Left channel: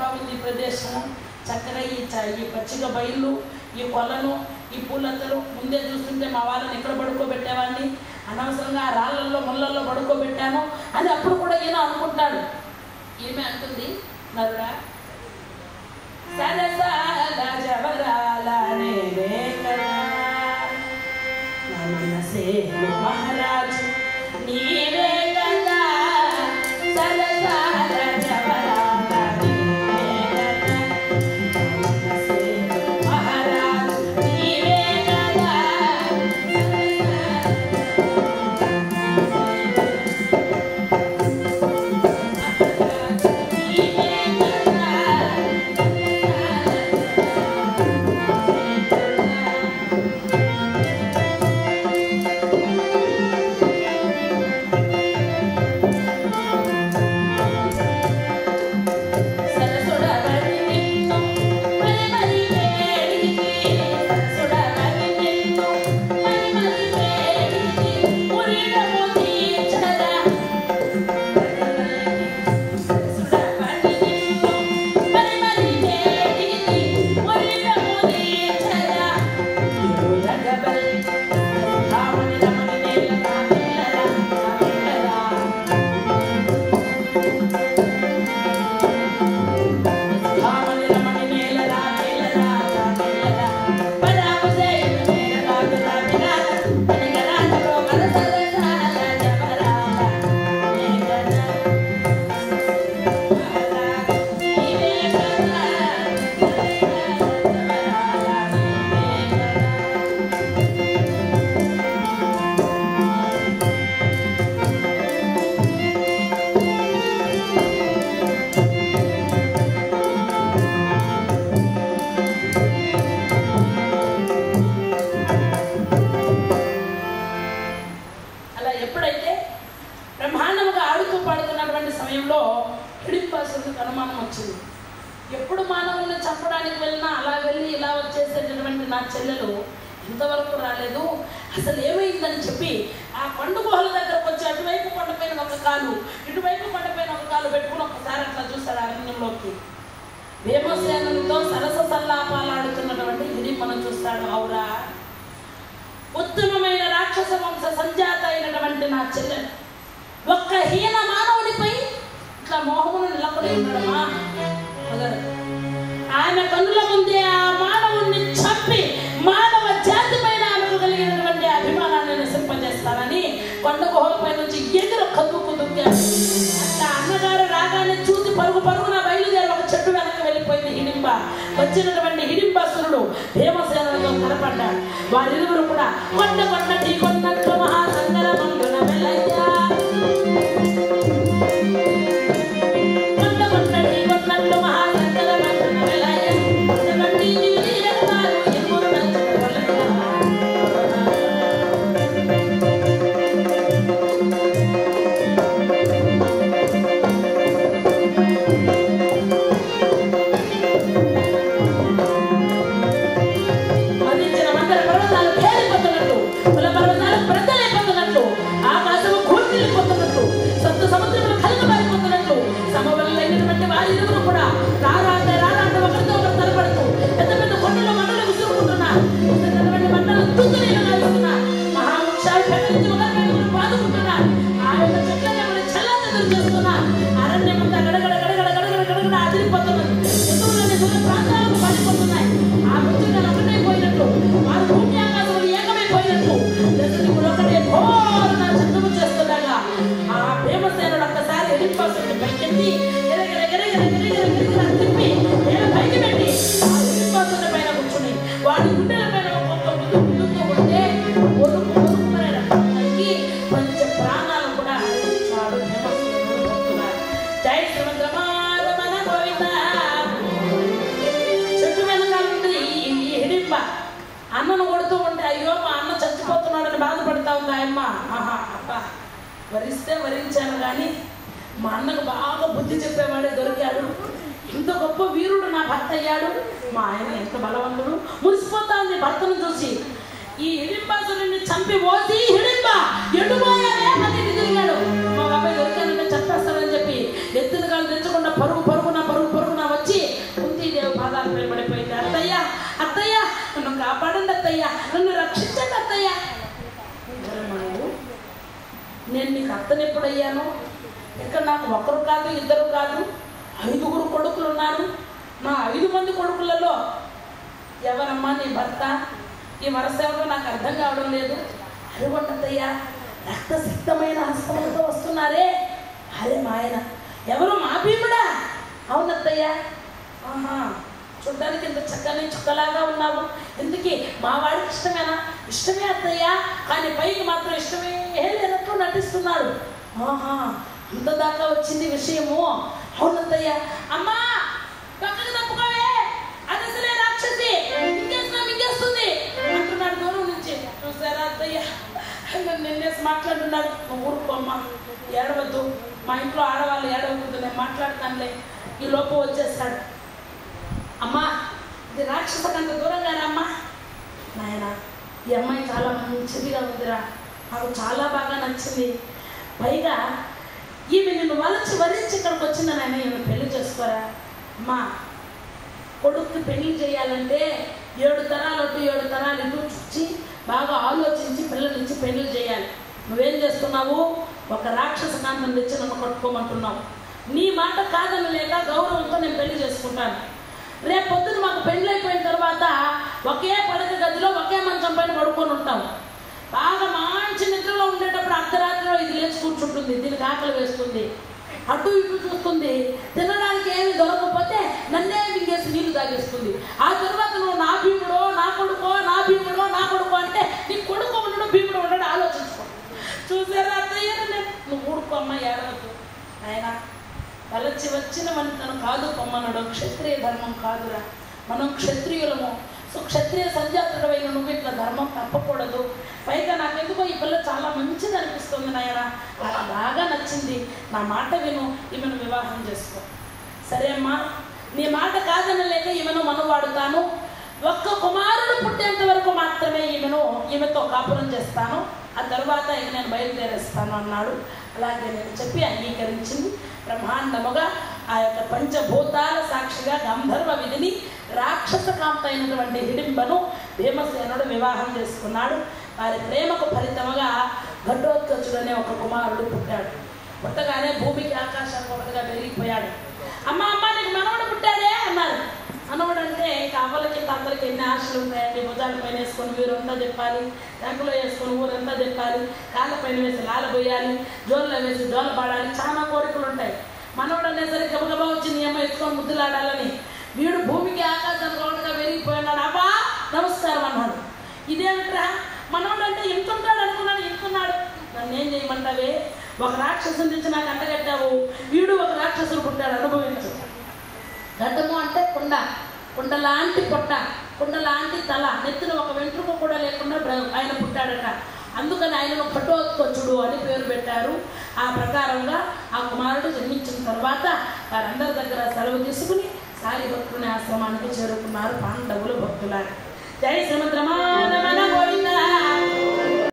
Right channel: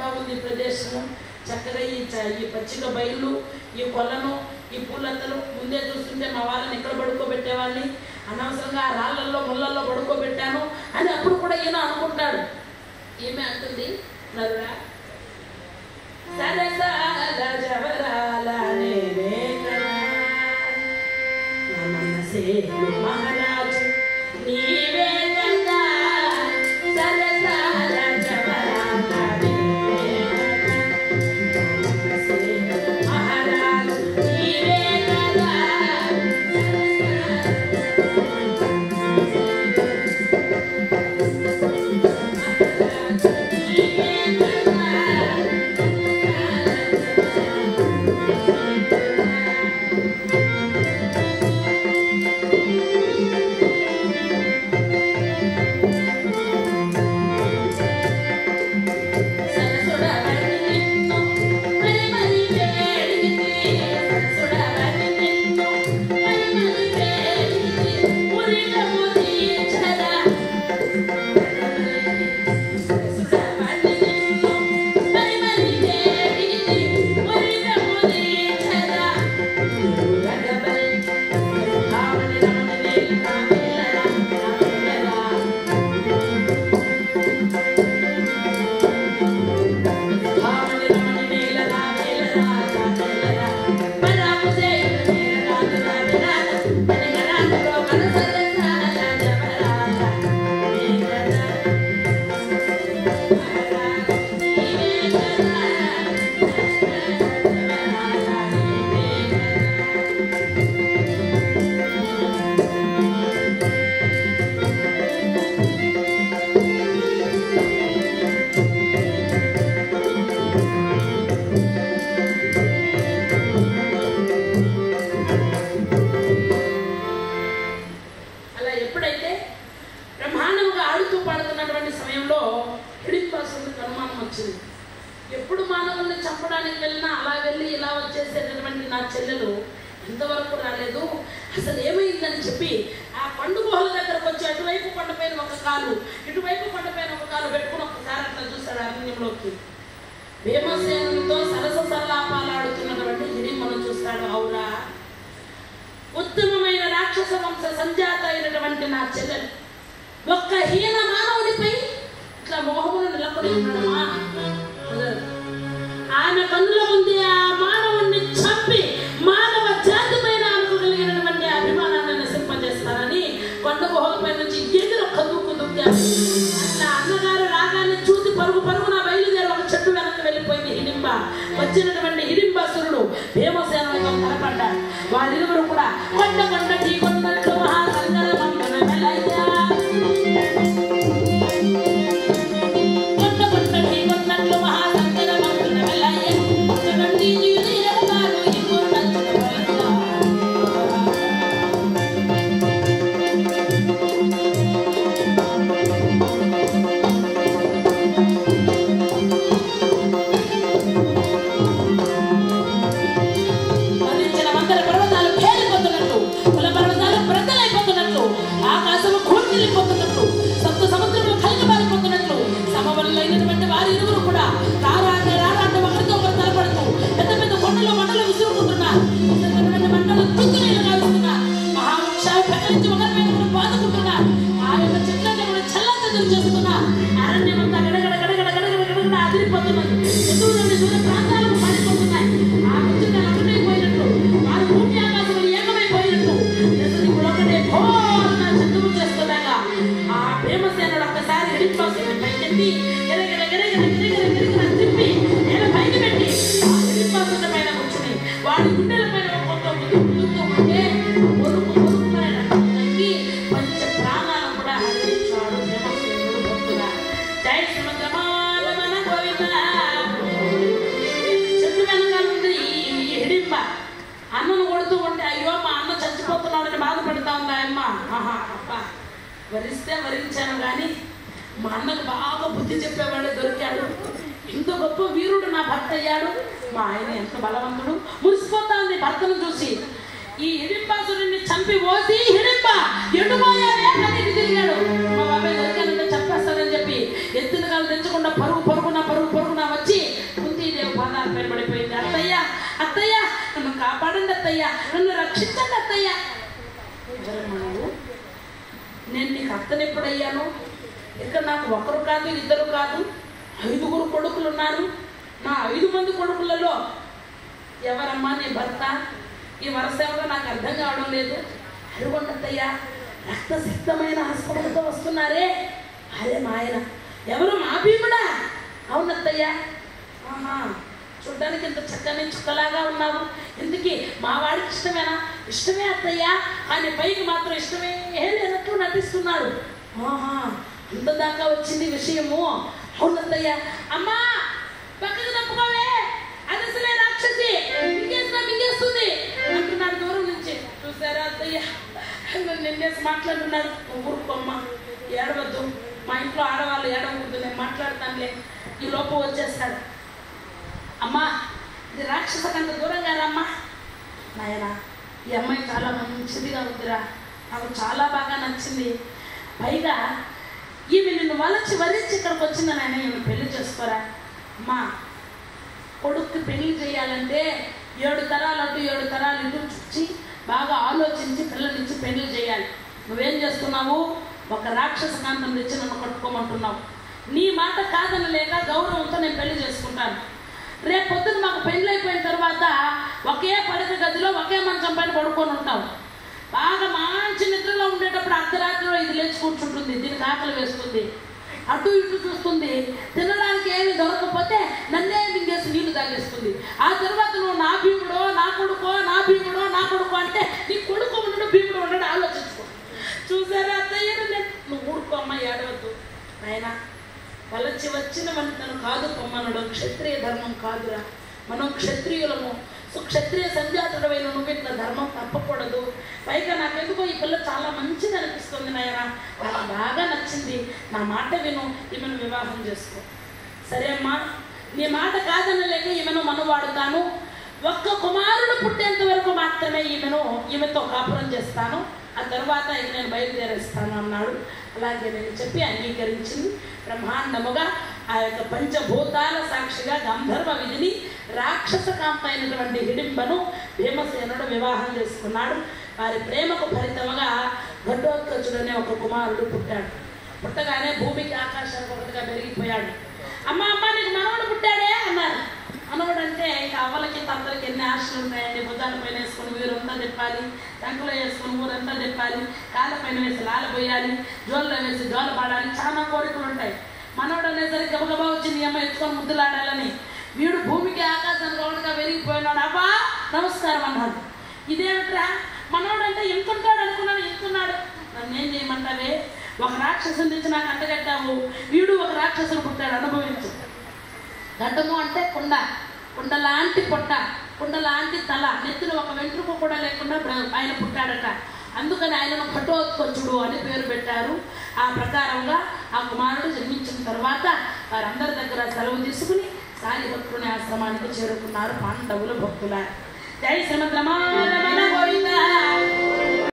బాగుంది ఈ ప్రదేశము, చక్కగా ఈ పచ్చిక బయళ్ళు, ఈ కొలను, ఈ పూలతలు ముందే చూస్తుంటే మా వాళ్ళని ఇక్కడ పడుకోబెట్టేవాడిని, అనవసరంగా ఆ రాళ్ళల్లో ముళ్ళల్లో పడుకోబెట్టాను అని అప్పుడు కూడా ఈయన అనుకుంటాడు. ఏమి అంటుంది నరుడా, మహారాజు నీవే కదా సరసాల జవరాల మహారాజు నీవే కదా ఎప్పుడు మానవుల్ని చంపడానికి వెళ్ళినా అలా వెళ్ళి ఇలా వచ్చేసేటటువంటి నా చెల్లెలు ఇంతవరకు రాలేదు, అసలు ఏమైందని చెప్పి ఆ కొండ గుహల దగ్గరకు వచ్చి అటువైపు కొండపైన ఒక కాలు ఇటువైపు కొండపైన ఒక కాలు పెట్టుకుని ఒకసారి అట్లా చూశాడు అరణ్యంలోకి. భీమసేనునితో సరస సల్లాపాలు ఆడుతున్నటువంటి హిడింబను చూస్తాడు. అవురా, ఉత్తమమైన రాక్షస వంశ సంజాత అయినటువంటి నా చెల్లెలు ఒక్క హీన మానవుడిపై ఇట్లా మోహమును నిలబడి ఉన్నాడమ్మా. ఆమె కన్నుల ముందే ఆ మానవుణ్ణి చంపి మానవ జాతి పైన ఆమెకు కలిగినటువంటి అభిమానాన్ని నశింపజేస్తానని కొండ గుహలపై నుంచి ఎదురు కదుకు దుక్కాడు. అట్లా అన్నగారు రాగానే చూసి పరుగు పరుగున బయలుదేరి ఒక చెట్టు వెనక్కి వెళ్ళిపోయింది హిడింబ. వచ్చినటువంటి హిడింబాసురుడు భీమసేనులతో తలపడ్డాడు. వారిరువురు కూడా కొండ కొండ ఢీ కొన్నట్టు మహాసంగరమందున వెళ్ళైతే అన్నను కొడుతూ ఉంటే అయ్యో మా అన్న చచ్చిపోతున్నాడని బాధపడతా ఉంది ఆయమ్మ. ఆహా అబ్బా, వరిస్తే వరించాను కానీ మా అన్నకు బాగా బుద్ధి చెప్పేవాడే దొరికాడు. ఇంత గొప్ప వీరుడు నా భర్త అయ్యాడు. మా ఆయన ఎంత బలవంతుడు. మురిసిపోతా ఉంది భర్తను చూసి. ఈ హిడింబాసురుడిని చంపి ఓసి హిడింబ ఎడుపోయాడే అని తిరిగాడు. మా బాబాయ్ దొరికానంటే చంపేస్తానని చెప్పి ఎత్తులుగా తెచ్చకుండా పరుగు పరుగున వచ్చి భర్తను ఎప్పుడయ్యాను? ఇక్కడ నాకు ఒకరు కాదు, ఇద్దరు కాదు, 5 కొడుకులు ఉన్నారు. నా 5 మంది కొడుకులలో ఎవరమ్మా నీ భర్త? ఈ వరుస ఎవరో నాకు అర్థం కావడం లేదు. అడుగుంటయ్యా, రక్తసిక్తమైన హస్తములతో వస్తున్నారే, అదే మా ఆయన. ఎవరు? మా భీముడా? అవునత్తయ్యా. ఆహా, చూడ్డానికి ఇంత చక్కని చుక్కలాగా ఉన్నావు. ఎందుకు మా వాడికి ఇష్టమేనా? ఇష్టమే అత్తయ్యా, కానీ పైకి మాత్రం ఇష్టమే లేనట్టు నటిస్తున్నాడు. ఆహా, ఇంత దాకా వచ్చింది విషయము. అవునత్తయ్యా. అమ్మా పక్కకు తప్పుకోవే, అది అసలే రాక్షసి, మింగేస్తుంది అంటున్నాడు దూరం నుంచి. చూసారా అత్తయ్య, నిన్నేసి మాట్లాడుతున్నాడు. ఊరుకోమ్మా, ఏడవద్దు, మా ఇంట్లో ఆడవాళ్ళు ఏడవకూడదు, నేను మాట్లాడతానులే. ఈ లోపు వచ్చేస్తాడు. అమ్మా ఇది రాక్షసకంత దూరంగా రమ్మా. నాయన, ఈ అమ్మాయి చాలా మంచిదిగా ఉందిరా, నాకు చాలా బాగా నచ్చింది. పైగా ఈమె నిన్ను వరించి ఇక్కడికి వచ్చింది నాయన, ఈమె పెళ్లి చేసుకోరా. అమ్మా, కొడుక్కి పెళ్లి చేయాలంటే 7 తరాలు అటు 7 తరాలు ఇటు చుచ్చి బాగా ఆలోచించి పిల్లలిచ్చి పెళ్లి చేయాలి. నువ్వేం చేస్తున్నావు? ఒక రాక్షస కాంతం తెచ్చి నన్ను కట్టుకోమంటున్నావు. నీ మాట కాదనలేక గౌరవంతో నేను పెళ్లి చేసుకుంటాను. రేపు పొద్దున మాకు పెళ్లి అయిపోయిన తర్వాత ఒకే పడక గదిలో ఒకే మంచం పైన పడుకొని ఉంటాం. బాగా మంచి నిద్రలో ఉండేటప్పుడు అర్ధరాత్రిలో ఇది లేచి కూర్చుంటుంది, దీనికి ఆకలి వేస్తుంది, అటు ఇటు చూస్తుంది, తినడానికి ఏమి దొరకకపోతే నన్నే మింగేసి నీళ్లు తాగేస్తుంది. ఆ తర్వాత నువ్వు నా భీముడో నా కొడుకో, నా భీముడో నా కొడుకో అంటే నీ కొడుకు ఉండడు భీముడు ఉండడు ఆలోచించుకో. చూసారా అత్తయ్య, నువ్వు ఊడుకో అమ్మ, ఏడవద్దు ఆయన. వలచి వచ్చిన తను కాదు పొమ్మనడం క్షత్రియ ధర్మం కాదురా. మనం క్షత్రియులము. సో క్షత్రియ సంజాతుడమైన నువ్వు ఇట్లా ధర్మం తప్పకూడదు. పైగా నాకెందుకో ఈ పిల్ల చాలా మంచిది అనిపిస్తుంది నాయన, నాకు బాగా నచ్చింది. నా మాట విను, ఈమెను వివాహం చేసుకో. సరే అమ్మా, నీ మాట కాదనలేక ఈమెను మనవాడుతాను. ఒక్క కుమారుడు పుట్టేంత వరకు మాత్రమే ఈమెతో కాపురం చేస్తాను, ఆ తర్వాత ఇక నేను బయలుదేరేస్తాను అన్నాడు. అలాగే నేను చెప్పి అంగీకరించింది. బ్రహ్మాండముగా ఆ యొక్క పంచభూతాల సాక్షిగా గంధర్వ విధిని రాక్షస కాంత అయినటువంటి హిడింబను భీమసేనుడు వివాహం చేసుకున్నాడు. వారి ప్రేమకు ఫలితముగా ఘటోత్కచుడనే ఒక కుమారుడు పుట్టాడు. పుట్టగానే భూమికి ఆకాశానికి ఒకటిగా పెరిగిపోయాడు. అమ్మ అమ్మ నీకు మనవడు పుట్టాడే అన్నారు. మనవడు అంటే ఇక అవ్వలకి అందరికి ఎన్ని ఆశలు ఉంటాయండి. భుజాల పైన వేసుకొని వీరంతా తిప్పాలి, రంగులో వేసుకొని ఊరంతా తిప్పాలి, కాళ్ళ పైన వేసి లాలబోయాలి, జోల్లో వేసి జోల పాడాలి, చాలా కోరికలు ఉంటాయి. మనవడు అనేసరికి గబగబా వచ్చి నీ అమ్మ ఎత్తుకొని ముద్దులాడాలని. వీడు భూమికి ఆకాశానికి ఒకటిగా పెరిగిపోయినాడు. అబ్బా నమస్కారం అన్నాడు. ఇదేమిట్రా, మనవడు అంటే ఎంతుంటాడు అనుకున్నాను, ఎంతున్నాడు. నన్ను ఏం చేయమంటావే? ఒక రాక్షసుని తెచ్చి నాకు అంటగట్టావు, వీడు ఒక రాక్షసుడు పుట్టాడు, అనుభవించు. ఘటము అంటే కుండ, కుండ లాంటి పొట్ట, కుండ లాంటి తల, నెత్తిన ఒక వెంట్రుక కూడా లేకుండా ఆయన పుట్టాడట. అందుకని ఆయనను ఘటోత్కచుడు అని పేరు పెట్టారు. ఆ ప్రకారంగా ఆ కుమారుడు జన్మించిన తర్వాత వారందరి దగ్గర సెలవు తీసుకుని సారిభక్తుని ఆశ్రమానికి చేరుకున్నారు పాండవులు భక్తులారు. జై శ్రీమద్ రమణ గోవింద.